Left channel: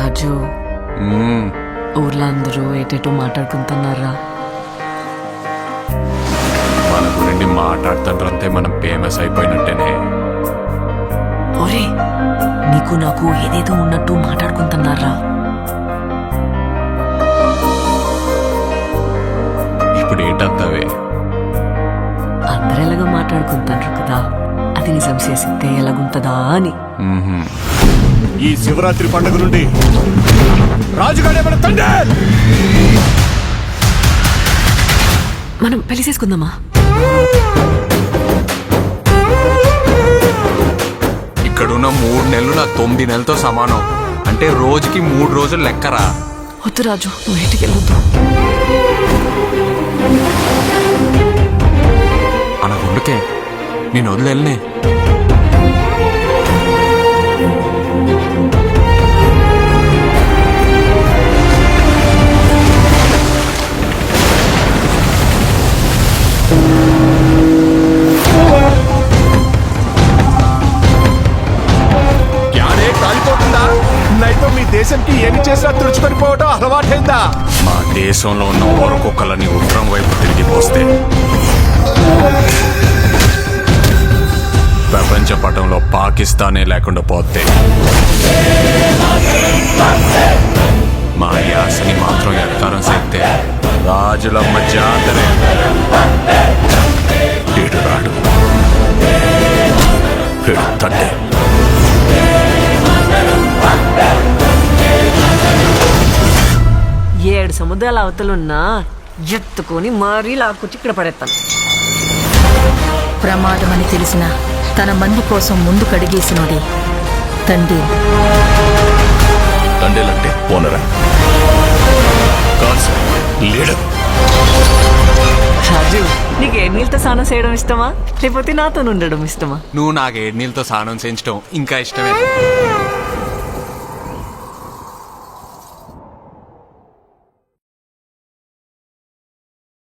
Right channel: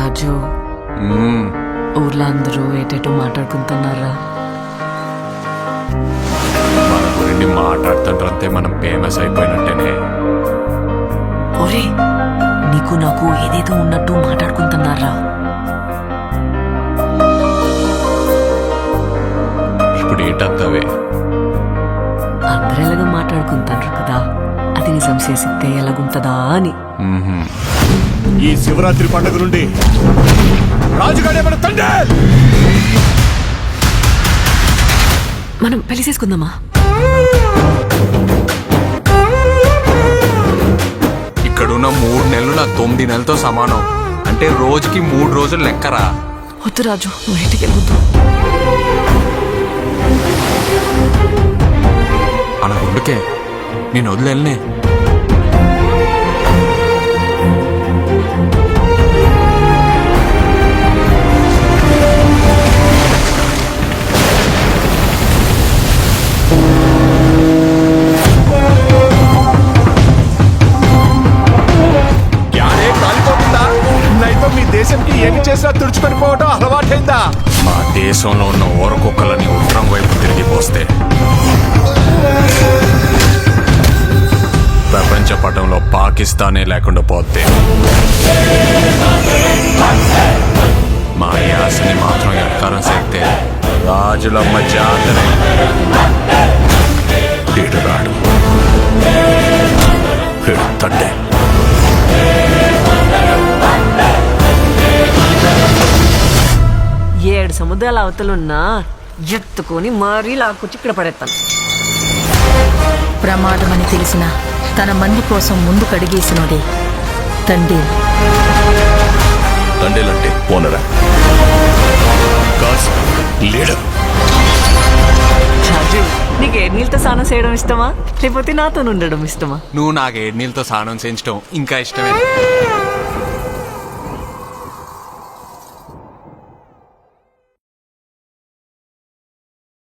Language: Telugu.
రాజు ఊర్లో అందరూ ఏటేటో మాట్లాడుకుంటున్నారా? మన గురించి మాట్లాడుతుంటే మనం ఫేమస్ అయిపోయినట్టేనే. ఒరే, నీకు నాకు ఏదేదో ఉన్నట్టు మాట్లాడుకుంటున్నారా? ఇప్పుడు ఏటత్తవే? అందరు ఎలాగో మాట్లాడుకుంటారు కదా, అది నిజం చేసితే ఎలాగుంటదా అని. ఈ శివరాత్రి పండుగ నుండి రాజుగాడే మన తండ్రి. మనం పెళ్లి చేసుకుందామా? ఇక్కడున్న 3 నెలలు నా 9 నెలలతో సమానం. అంటే రోజుకి 3 రోజులు లెక్కరా. వద్దు రాజు, నువ్వు ఇంటికి వెళ్ళొద్దు. అన గుండుకే నేను వదిలేనే. కాలిపోతుందా? నైతో మీ దేశంకి ఏమి చేసినా తుడుచుకొని పోవటం అలవాటైందా? మా దేశంలో ఉన్న ఓరకొక్కలని ఉత్తరం వైపు తిరిగిపోస్తే ప్రపంచ పటంలో పాకిస్తానే లేకుండా పోతే మా యాసని మాత్రం ఎట్కారం చేస్తే రాజులమ్మ జాతరే. ఏడు రాడు ఏడు తండ్రి. ఏడు సముద్రాల అవతలున్నా ఎత్తుకొని మరీ లాక్కొచ్చి ఇక్కడ పడేస్తాను. ప్రమాదమని తెలిసిన తన మంది కోసం ముందు కడిగేసినోడే తండ్రి. తండేలంటే ఓనరా కాదు సార్, లీడర్. రాజు, నీకు ఏడు నీళ్ళతో స్నానం చేయడం ఇష్టమా, లేకపోతే నాతో ఉండడం ఇష్టమా? నువ్వు నాకు 7 నీళ్ళతో స్నానం చేయించడం ఇంకా ఇష్టమే.